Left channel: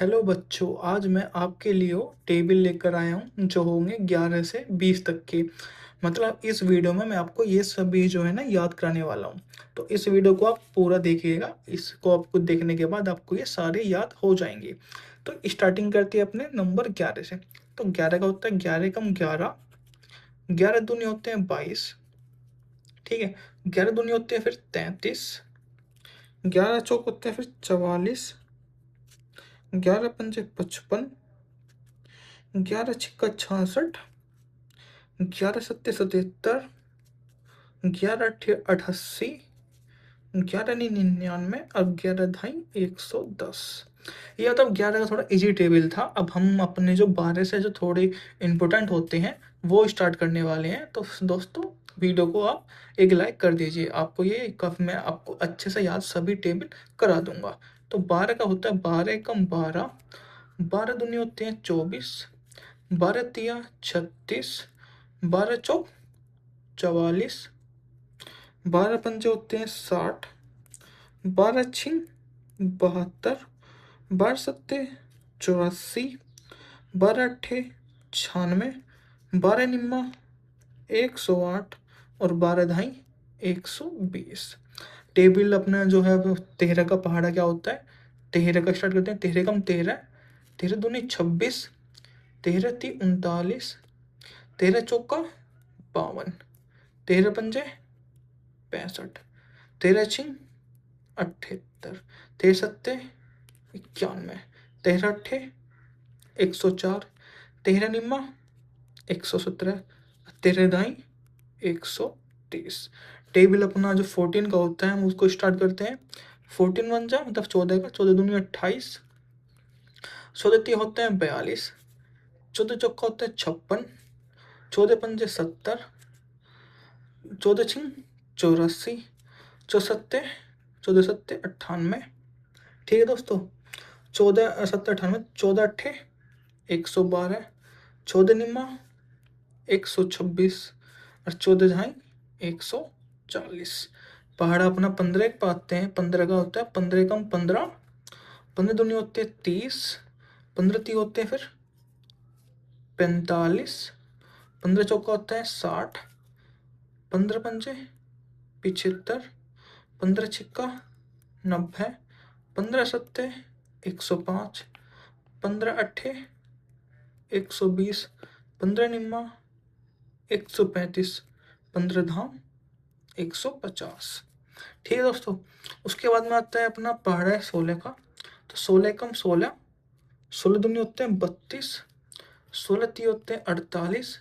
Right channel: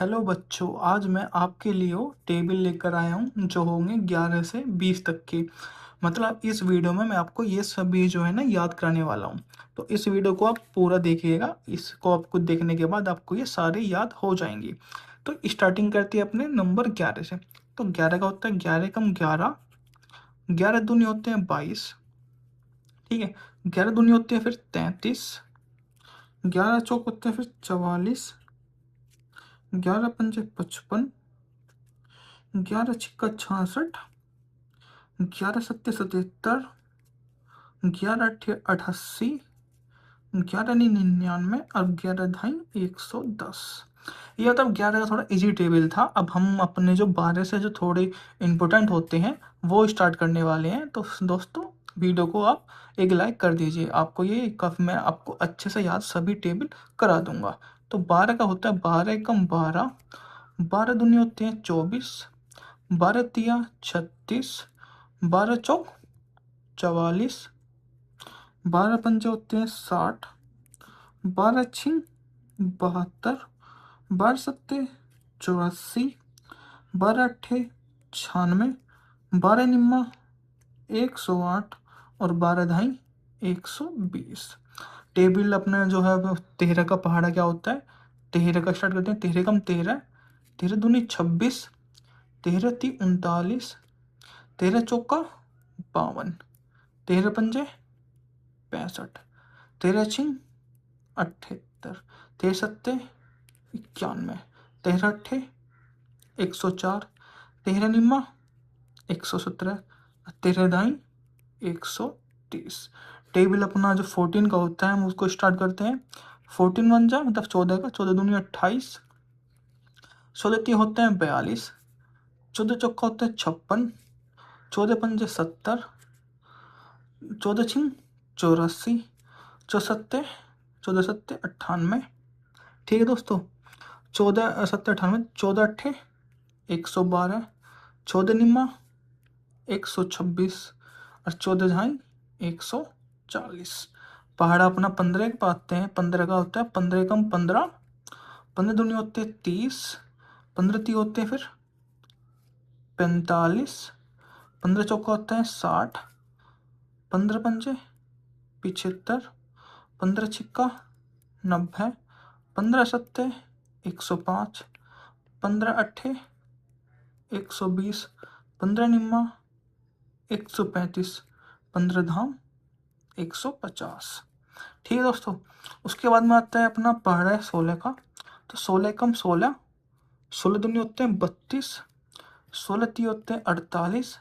Hello बच्चों, आज मैं आपके लिए टेबल लेकर आया हूँ जो होंगे 11 से 20 तक के। मतलब इस वीडियो में मैं आपको ये सभी जो है ना याद कराने वाला हूँ। तो इस वीडियो को आप पूरा देखिएगा। इसको आपको देखने के बाद आपको ये सारे याद हो जाएंगे। तो स्टार्टिंग करते हैं अपने नंबर 11 से। तो 11 का होता है 11 कम 11, 11 दूनी होते हैं 22। ठीक है, 11 दूनी होते हैं फिर 33, 11 चौक होते हैं फिर 44, 11 पंजे 55, 11 छिक्का 66, 11 सत्ते 77, 11 अट्ठे 88, 11 नी 99 और 11 ढाई 110। ये मतलब 11 का थोड़ा इजी टेबल था। अब हम अपने जो 12 से जो थोड़े इंपॉर्टेंट होते हैं वो स्टार्ट करने वाले हैं। तो दोस्तों, वीडियो को आप एक लाइक कर दीजिए। आपको ये कब मैं आपको अच्छे से याद सभी टेबल करा दूंगा। तो 12 का होता है 12 कम 12, 12 दूनी होते हैं 24, 12 तिया 36, 12 चौक 44, 12 पंजे होते हैं 60, 12 छिंग 72, 12 सत्ते 84, 12 अट्ठे 96, 12 निम्मा 108 और 12 धाई 120। टेबल अपना जो है वो 13 का पहाड़ा क्या होता है। 13 का स्टार्ट करते हैं। 13 कम 13, 13 दूनी 26, 13 ती 39, 13 चौका 52, 13 पंजे 65, 13 छिंग 78, 13 सत्ते 91, 13 अट्ठे 104, 13 निम्मा 117, 13 दाई 130। टेबल अपना जो 14 का होता है हम उसको स्टार्ट करते हैं। 14 बन जा मतलब 14 का, 14 दूनी 28, 14 ती होते हैं 42, 14 चौका होता है 56, 14 पंजे 70, 14 छिंग 84, चौसत्ते 14 सत्ते 98। ठीक है दोस्तों, 14 सत्तर 98, 14 अट्ठे 112, 14 निम्मा 126 और 14 ढाई 140। पहाड़ा अपना 15 एक पाते हैं। 15 का होता है 15 कम 15, 15 दूनी होते हैं 30, 15 ती होते हैं फिर 45, 15 चौका होता है 60, 15 पंजे 75, 15 छिक्का 90, 15 सत्ते 105, 15 अट्ठे 120, 15 निम्मा 135, 15 धाम 150। ठीक है दोस्तों, उसके बाद में आता है अपना पहाड़ा है 16 का। तो 16 कम 16, 16 दूनी होते हैं 32, 16 ती होते हैं 48,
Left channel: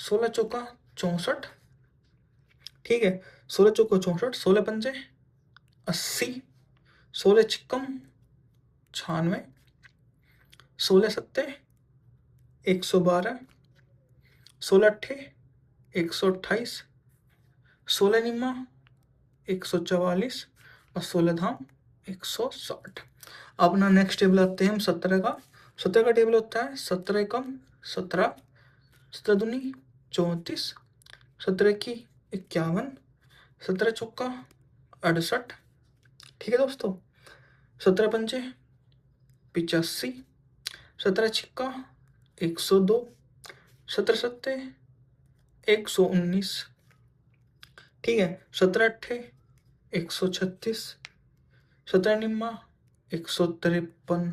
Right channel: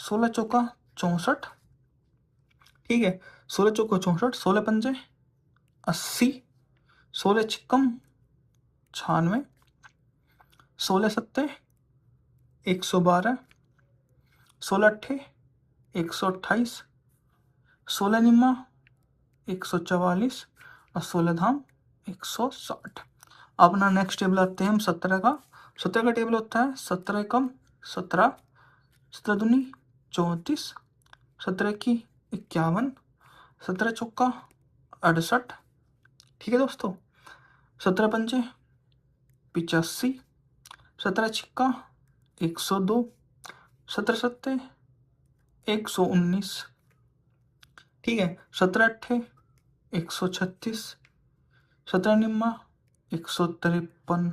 16 चौका 64। ठीक है, 16 चौका 64, 16 पंजे 80, 16 छिक्कम 96, 16 सत्ते 112, 16 अट्ठे 128, 16 निम्मा 144 और 16 धाम 160। अपना नेक्स्ट टेबल आते हैं हम 17 का। 17 का टेबल होता है 17 एकम 17, 17 दूनी 34, 17 की 51, 17 चौका 68। ठीक है दोस्तों, 17 पंजे 85, 17 छिक्का 102, 17 सत्ते 119। ठीक है, 17 अट्ठे 136, 17 निम्मा 153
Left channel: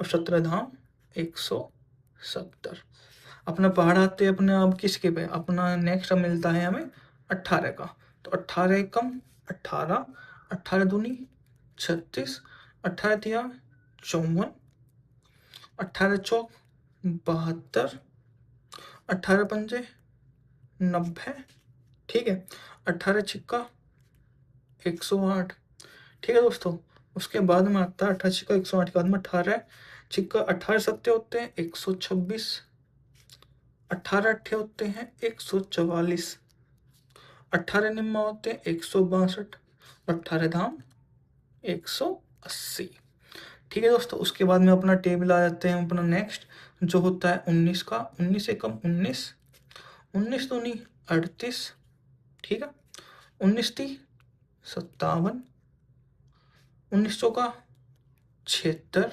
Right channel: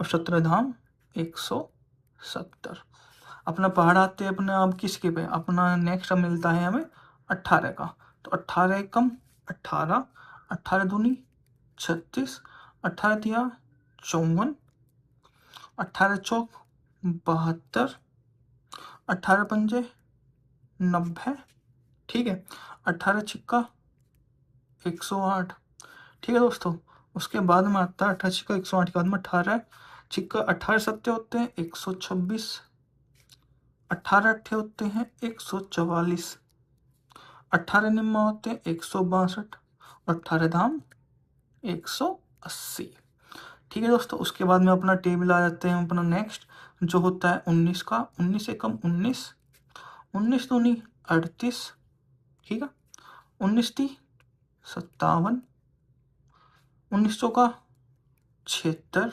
और 17 धाम 170। अपना पहाड़ आते हैं अपने आप किसके पे। अपना नेक्स्ट मिलता है हमें 18 का। तो 18 कम 18, 18 दूनी 36, 18 तिया 54, 18 चौक 72, 18 पंजे 90। ठीक है, 18 छिक्का 108। ठीक है दोस्तों, उसके बाद में आता है 18 छिक्का 108 के बाद में 18 छिक्का 18 सत्ते होते हैं 126, 18 अट्ठे होते हैं 144, 18 निम्मा होते हैं 162 और 18 धाम 180। ठीक है दोस्तों, उसके बाद में अपना टेबल आ जाते हैं अपना नेक्स्ट जो होता है 19 का। 19 एकम 19, 19 दूनी 38। ठीक है, 19 ती 57, 19 चौका 76,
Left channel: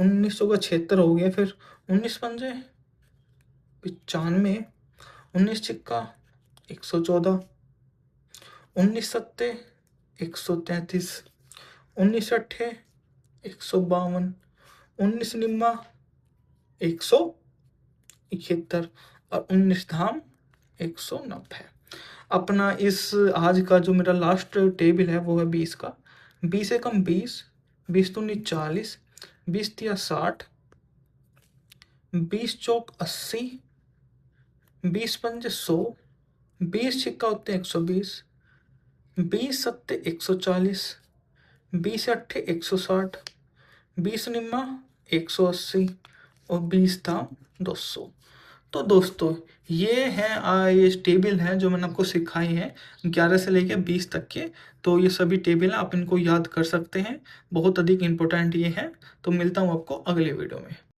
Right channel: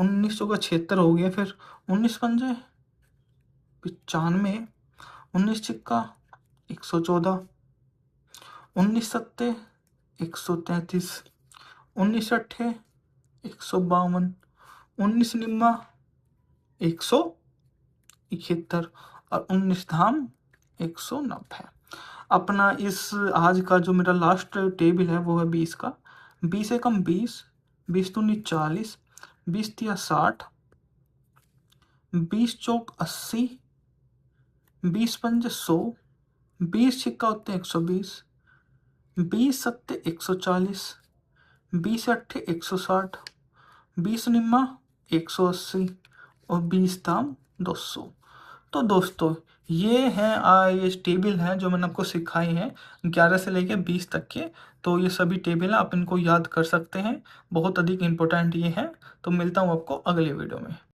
1900 का 76 हो गया, फिर 19 पंजे 95, 19 छिक्का 114, 19 सत्ते 133, 19 अट्ठे 152, 19 निम्मा 171 और 19 धाम 190। अपना इस आज का जो मेरा लास्ट टेबल है वो है 20 का। 20 एकम 20, 20 दूनी 40, 20 तिया 60, 20 चौक 80, 20 पंजे 100, 20 छिक्का होते 120, 20 सत्ते 140, 20 अट्ठे 160, 20 निम्मा 180 और 20 दाम 200। तो दोस्तों ये हैं ये टेबल हैं जो मैंने आपको सिखाई हैं 11 से लेके 20 तक के। तो ये सभी टेबल आप इनको याद कर सकते हैं, बहुत अधिक इम्पोर्टेंट ये है। तो मिलता हूँ आपको अगले वीडियो में।